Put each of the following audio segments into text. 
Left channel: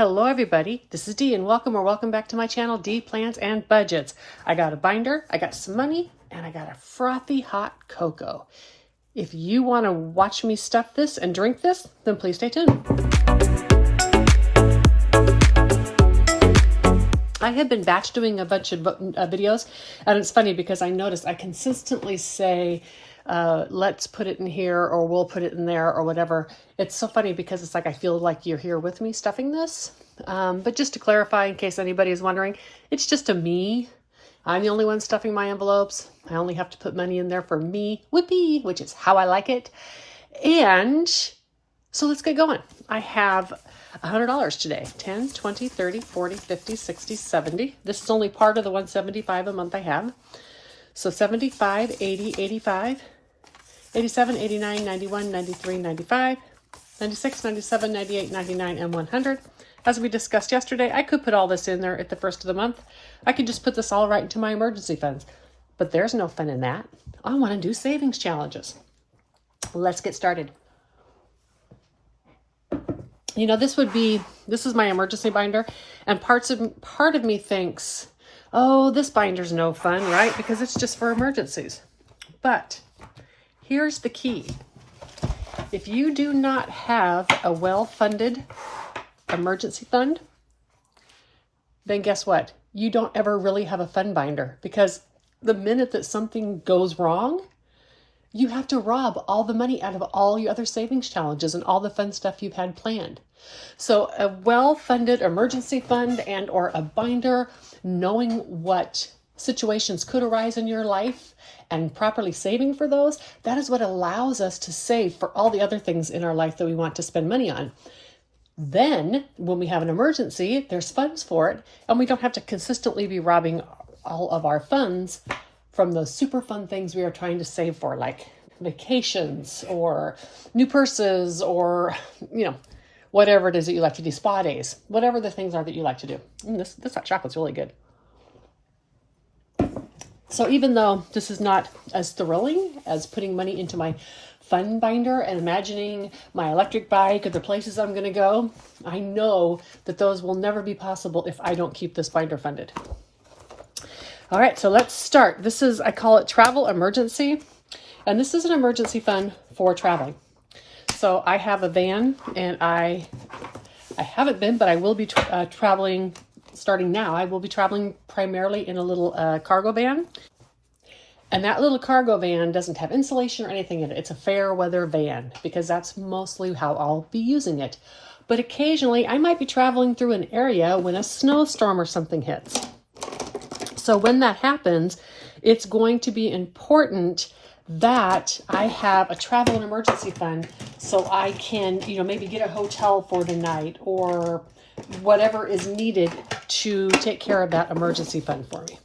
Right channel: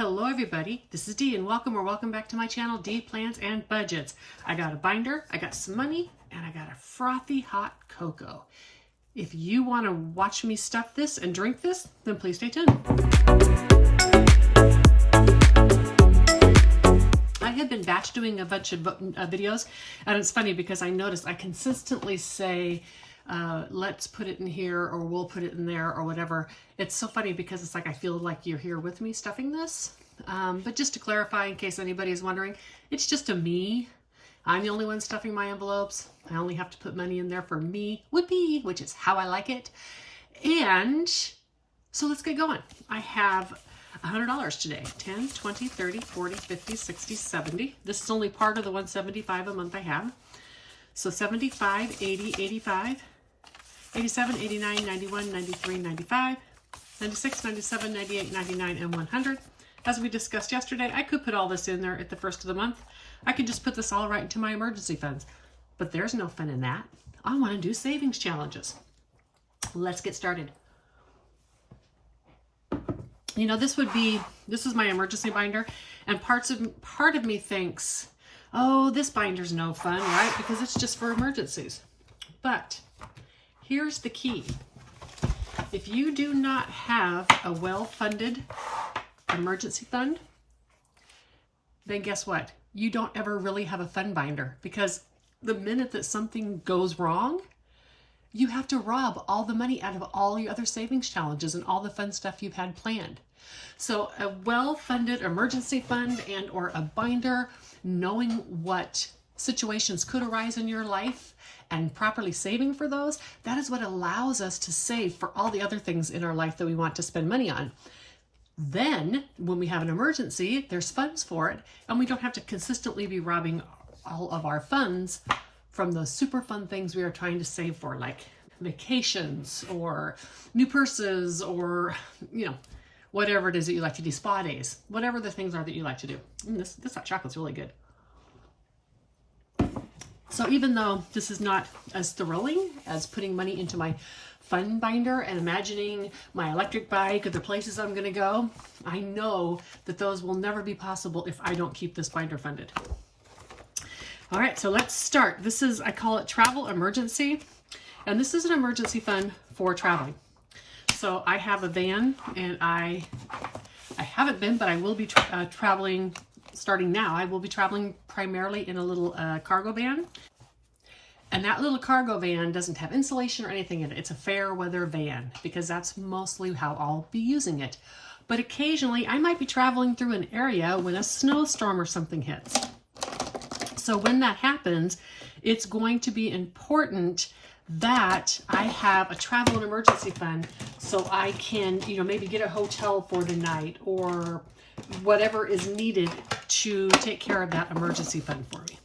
Hello everybody, this is Dee and welcome back to my channel, Dee Plans and Budgets. I got a binder, I got some money, and I got a frothy hot cocoa. If you want to watch me stuff this and drink this, then please stay tuned. I have been batch doing a bunch of videos, and it's funny because I noticed I consistently say, let's put it in here, or we'll put it in there, or whatever. It's so funny because it's like I feel like you're here with me stuffing this. But just to clarify, in case anybody is wondering, it's just a me. I'm the only one stuffing my envelopes. I only have to put money in there for me, whoopee, which is how I like it. And so let's get going. I have $100 today. 10, 20, 30, 40, 50, 60, 70. This is only part of the 175 a month I have. So 75, 80, 85, 87, 89, 91, 93, 95, 96, 97, 98, 99, and 100. As we discussed yesterday, I could put all this in there at the first of the month. I could just put this all right into my emergency funds. But there's no fun in that. I want to do savings challenges. Let's get started. You know, this is my emergency binder, and part of me thinks, oh, this binder's no fun, right? Because it's just for emergencies. But here's the key. If you do not have a well-funded emergency fund, then guess what? You don't ever really have a fun binder, because the minute that something goes wrong, you have to rob all the money out of all your other savings challenges and all the fun stuff you've had planned. So a well-funded emergency fund and or a binder, knowing what situations could arise in your life and properly saving for those, that is what allows us to save for all the other things in our life that we want to spend money on. Then when we have an emergency, there's funds for it, and we don't have to consistently be robbing all of our funds from those super fun things we are trying to save for, like vacations or new purses, or, you know, whatever it is that you like to do, spa days, whatever the things are that you like to do. This hot chocolate's really good. So even though this is not as thrilling as putting money into my fun binder and imagining my electric bike or the places I'm going to go, I know that those will never be possible if I don't keep this binder funded. All right, so let's start. This is, I call it travel emergency, and this is an emergency fund for traveling. So I have a van, and I haven't been, but I will be traveling starting now. I will be traveling primarily in a little cargo van. And that little cargo van doesn't have insulation or anything in it. It's a fair weather van, because that's mostly how I'll be using it. But occasionally I might be traveling through an area when a snowstorm or something hits. So when that happens, it's going to be important that I have a travel and emergency fund, so I can, you know, maybe get a hotel for the night or whatever is needed to take care of that emergency fund for me.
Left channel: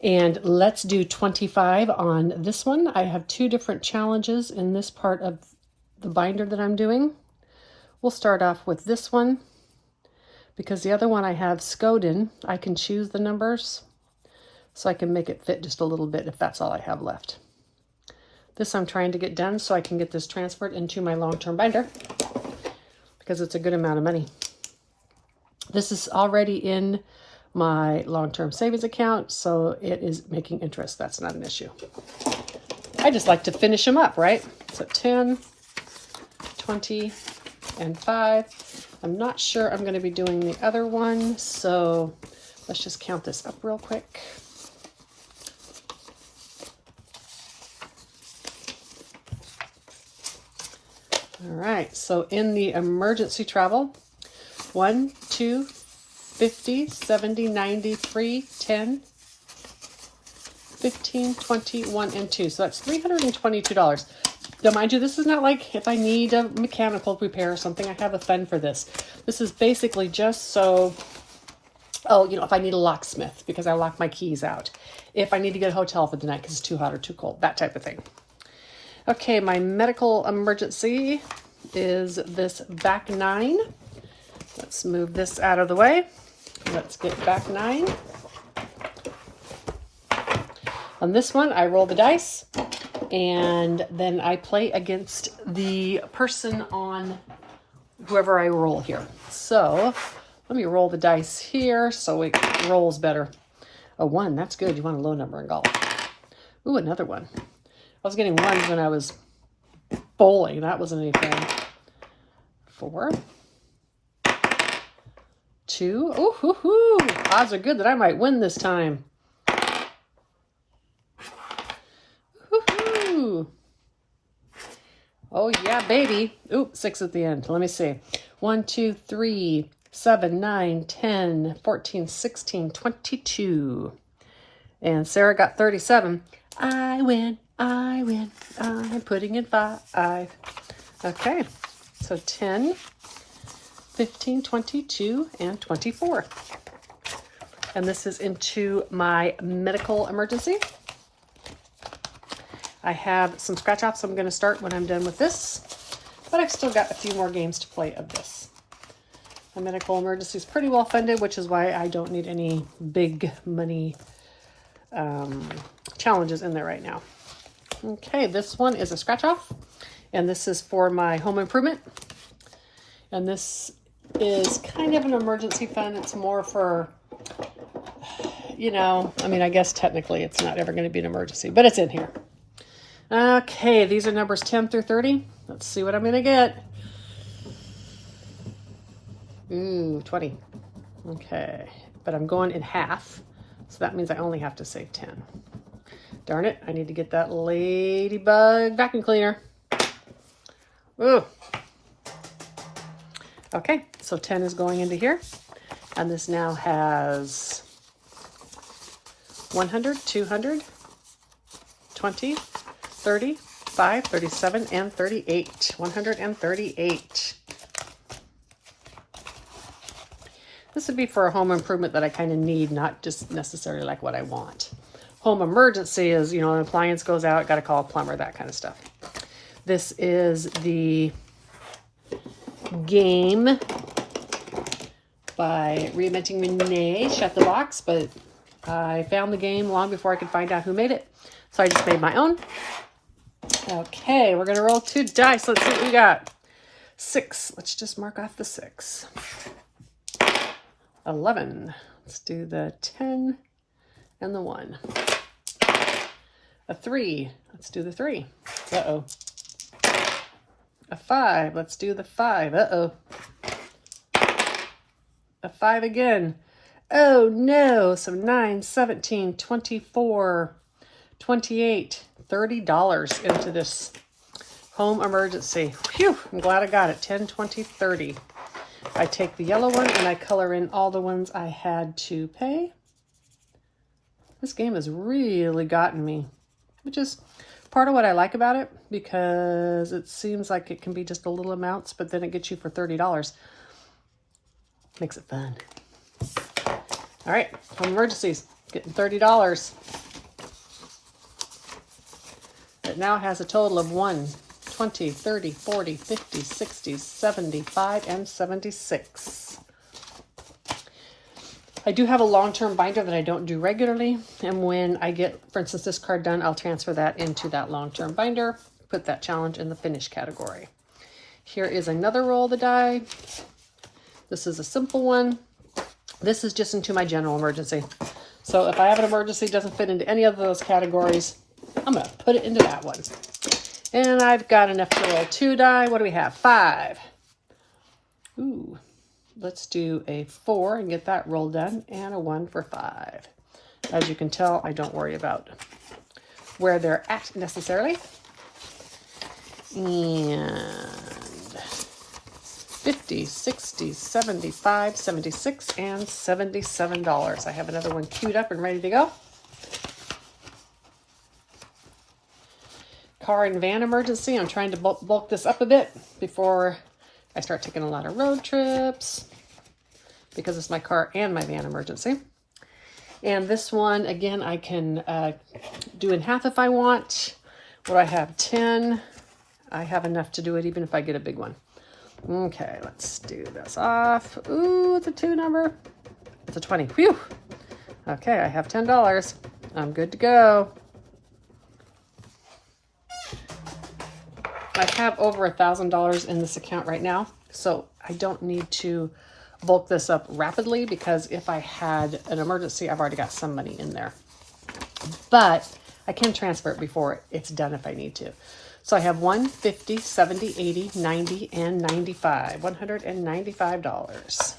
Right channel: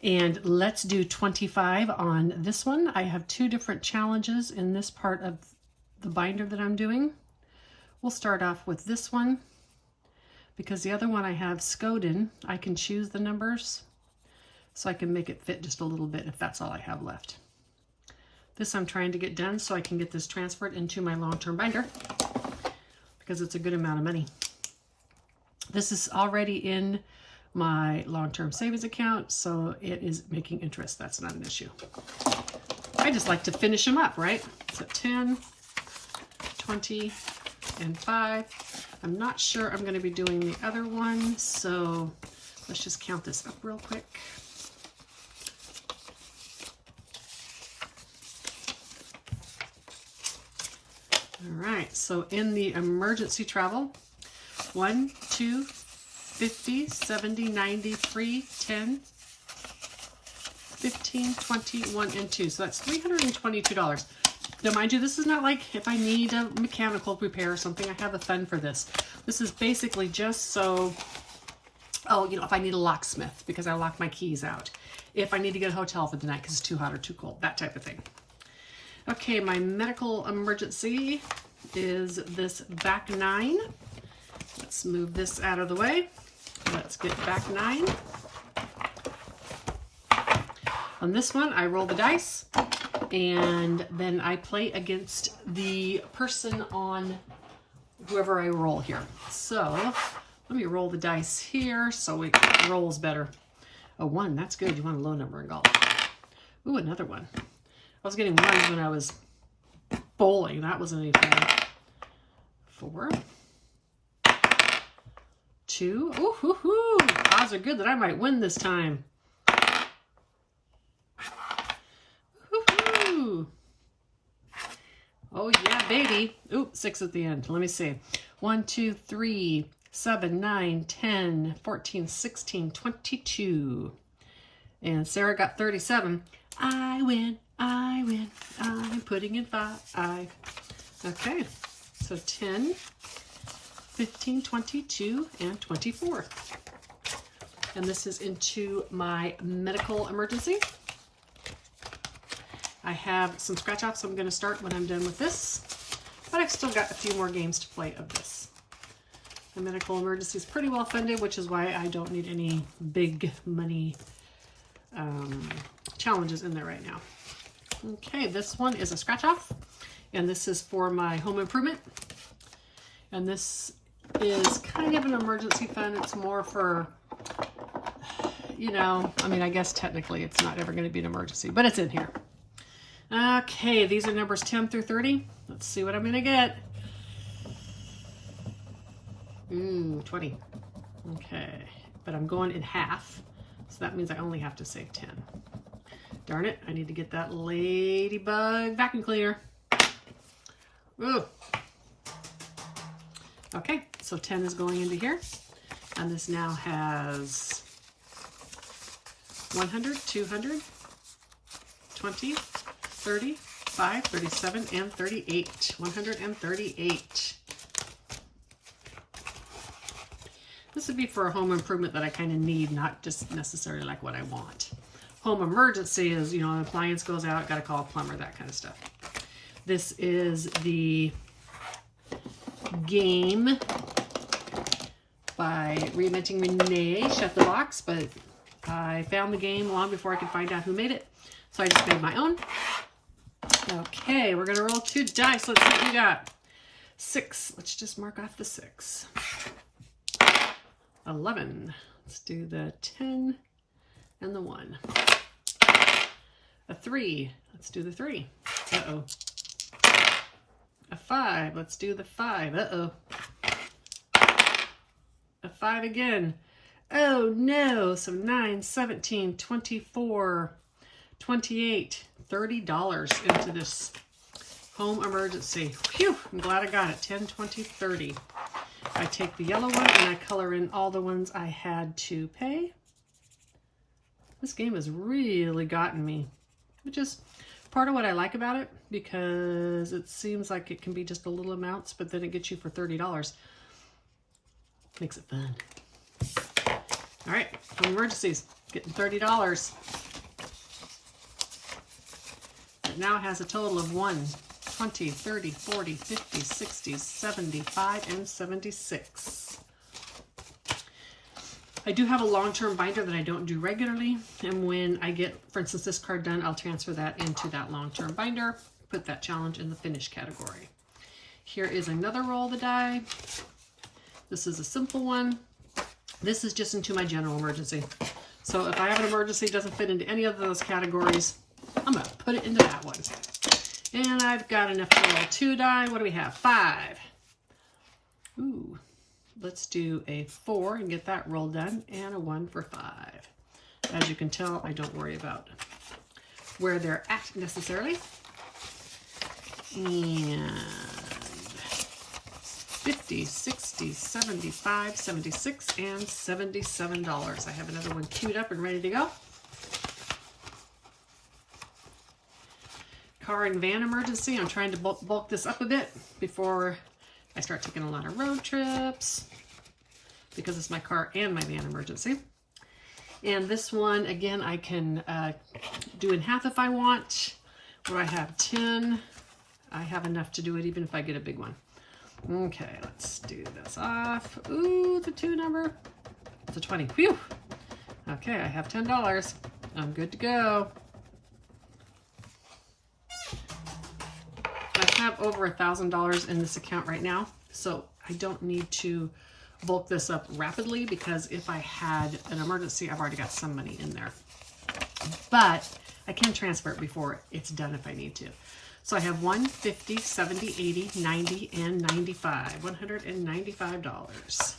And let's do 25 on this one. I have two different challenges in this part of the binder that I'm doing. We'll start off with this one, because the other one I have Skoden. I can choose the numbers, so I can make it fit just a little bit if that's all I have left. This I'm trying to get done so I can get this transferred into my long-term binder, because it's a good amount of money. This is already in my long-term savings account, so it is making interest. That's not an issue. I just like to finish them up, right? So 10, 20, and 5. I'm not sure I'm going to be doing the other one, so let's just count this up real quick. All right, so in the emergency travel, 1, 2, 50, 70, 93, 10, 15, 20, 1, and 2. So that's $322. Now, mind you, this is not like if I need a mechanical repair or something, I have a fund for this. This is basically just so, oh, you know, if I need a locksmith because I lock my keys out. If I need to get a hotel for the night because it's too hot or too cold, that type of thing. Okay, my medical emergency is this back 9. Let's move this out of the way. Let's get back 9. On this one, I roll the dice, and then I play against the person on whoever I roll here. So let me roll the dice here so it rolls better. A 1, that's good. You want a low number in golf. Ooh, another 1. I was getting 1s when I was bowling. That wasn't any fun. 4. 2. Ooh, hoo, hoo. Odds are good that I might win this time. Woo-hoo. Oh, yeah, baby. Ooh, 6 at the end. Let me see. 1, 2, 3, 7, 9, 10, 14, 16, 22. And Sarah got 37. I win. I'm putting in 5. Okay, so 10, 15, 22, and 24. And this is into my medical emergency. I have some scratch offs I'm going to start when I'm done with this, but I've still got a few more games to play of this. My medical emergency is pretty well funded, which is why I don't need any big money challenges in there right now. Okay, this one is a scratch off, and this is for my home improvement. And this is kind of an emergency fund. It's more for, you know, I mean, I guess technically it's not ever going to be an emergency, but it's in here. Okay, these are numbers 10 through 30. Let's see what I'm going to get. Ooh, 20. Okay, but I'm going in half, so that means I only have to save 10. Darn it, I need to get that ladybug vacuum cleaner. Ooh. Okay, so 10 is going into here, and this now has 100, 200, 20, 30, 5, 37, and 38. 138. This would be for a home improvement that I kind of need, not just necessarily like what I want. Home emergency is, you know, an appliance goes out, got to call a plumber, that kind of stuff. This is the game by Reinventing Renee, Shut the Box, but I found the game long before I could find out who made it. So I just made my own. Okay, we're going to roll 2 dice. Let's see what we got. 6. Let's just mark off the 6. 11. Let's do the 10 and the 1. A 3. Let's do the 3. Uh-oh. A 5. Let's do the 5. Uh-oh. A 5 again. Oh, no. So 9, 17, 24, 28, $30 into this home emergency. Phew, I'm glad I got it. 10, 20, 30. I take the yellow one and I color in all the ones I had to pay. This game has really gotten me, which is part of what I like about it, because it seems like it can be just a little amounts, but then it gets you for $30. Makes it fun. All right, home emergencies, getting $30. It now has a total of 1, 20, 30, 40, 50, 60, 75, and 76. I do have a long-term binder that I don't do regularly, and when I get, for instance, this card done, I'll transfer that into that long-term binder, put that challenge in the finish category. Here is another roll of the die. This is a simple one. This is just into my general emergency. So if I have an emergency that doesn't fit into any of those categories, I'm going to put it into that one. And I've got enough to roll 2 die. What do we have? 5. Ooh. Let's do a 4 and get that roll done, and a 1 for 5. As you can tell, I don't worry about where they're at necessarily. And 50, 60, 75, 76, and $77. I have another one queued up and ready to go. Car and van emergency. I'm trying to bulk this up a bit before I start taking a lot of road trips, because it's my car and my van emergency. And this one, again, I can do in half if I want. What do I have? 10. I have enough to do it even if I get a big one. Okay, let's do this off. Ooh, it's a 2 number. It's a 20. Whew. Okay, I have $10. I'm good to go. I have over $1,000 in this account right now, so I don't need to bulk this up rapidly because if I had an emergency, I've already got some money in there. But I can transfer it before it's done if I need to. So I have 1, 50, 70, 80, 90, and 95. $195.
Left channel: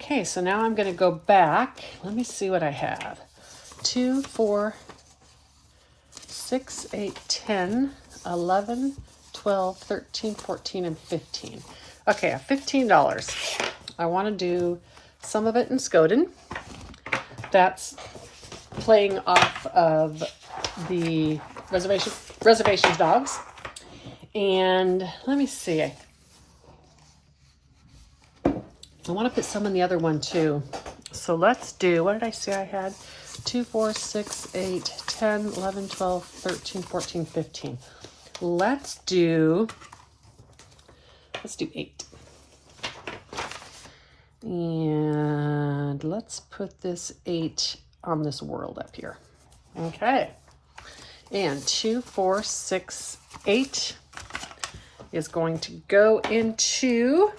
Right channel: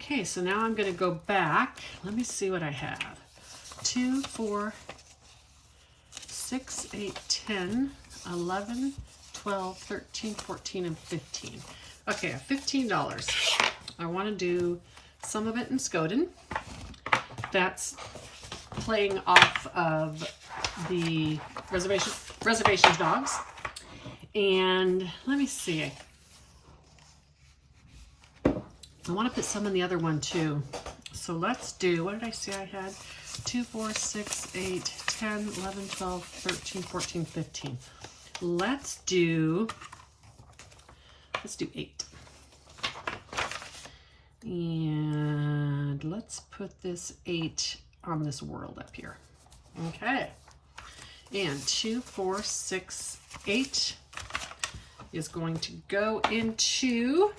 Okay, so now I'm going to go back. Let me see what I have. 2, 4, 6, 8, 10, 11, 12, 13, 14, and 15. Okay, I have $15. I want to do some of it in Skoden. That's playing off of the reservations dogs. And let me see. I want to put some in the other one too. So let's do, what did I say I had? 2, 4, 6, 8, 10, 11, 12, 13, 14, 15. Let's do 8. And let's put this 8 on this world up here. Okay. And 2, 4, 6, 8 is going to go into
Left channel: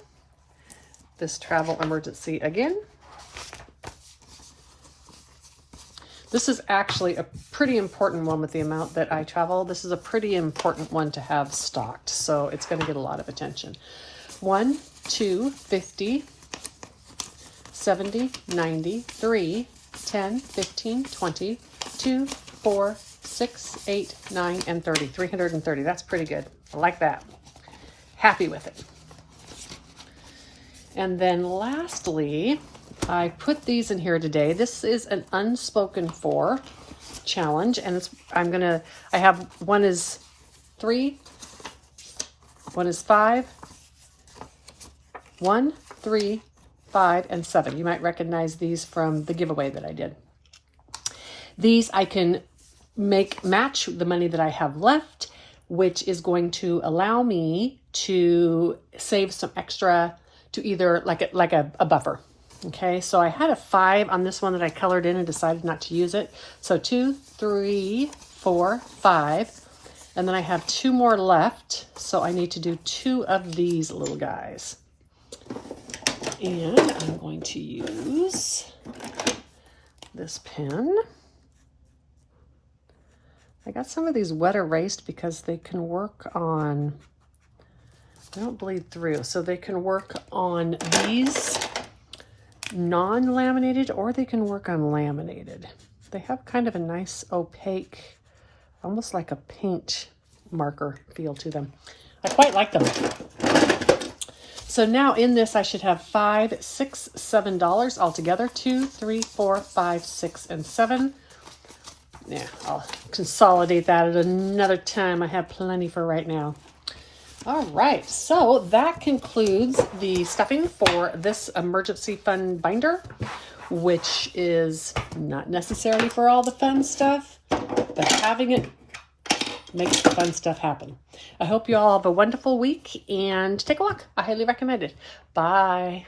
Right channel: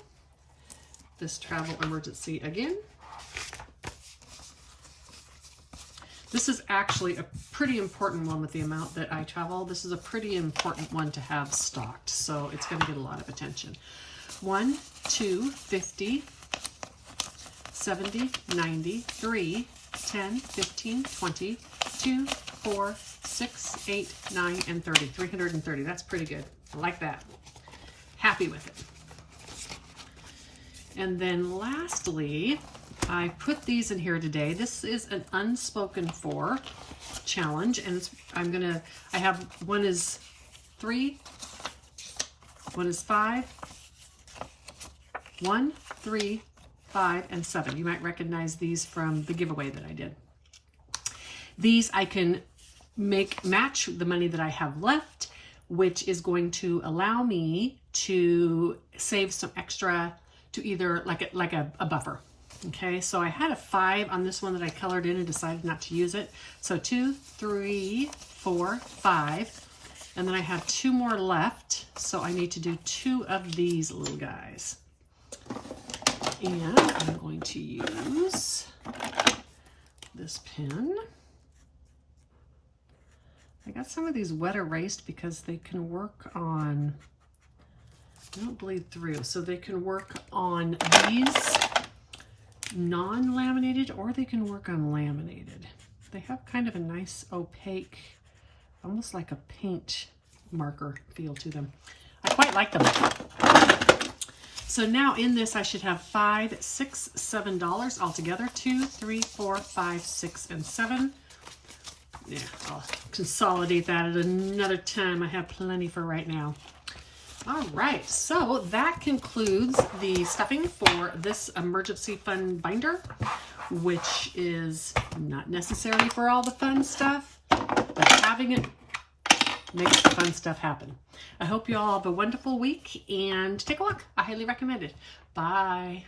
this travel emergency again. This is actually a pretty important one with the amount that I travel. This is a pretty important one to have stocked, so it's going to get a lot of attention. 1, 2, 50, 70, 90, 3, 10, 15, 20, 2, 4, 6, 8, 9, and 30. 330. That's pretty good. I like that. Happy with it. And then lastly, I put these in here today. This is an unspoken for challenge, and it's, I have one is 3, one is 5, 1, 3, 5, and 7. You might recognize these from the giveaway that I did. These I can match the money that I have left, which is going to allow me to save some extra to either like a buffer. Okay, so I had a 5 on this one that I colored in and decided not to use it. So 2, 3, 4, 5, and then I have 2 more left. So I need to do 2 of these little guys. And I'm going to use this pen. I got some of these wet erased because they can work on, they don't bleed through, so they can work on these non-laminated or they can work on laminated. They have kind of a nice opaque, almost like a paint marker feel to them. I quite like them. So now in this I should have $5, $6, $7 altogether. 2, 3, 4, 5, 6, and 7. Yeah, I'll consolidate that at another time. I have plenty for right now. All right, so that concludes the stuffing for this emergency fund binder, which is not necessarily for all the fun stuff, but having it makes the fun stuff happen. I hope you all have a wonderful week and take a look. I highly recommend it. Bye.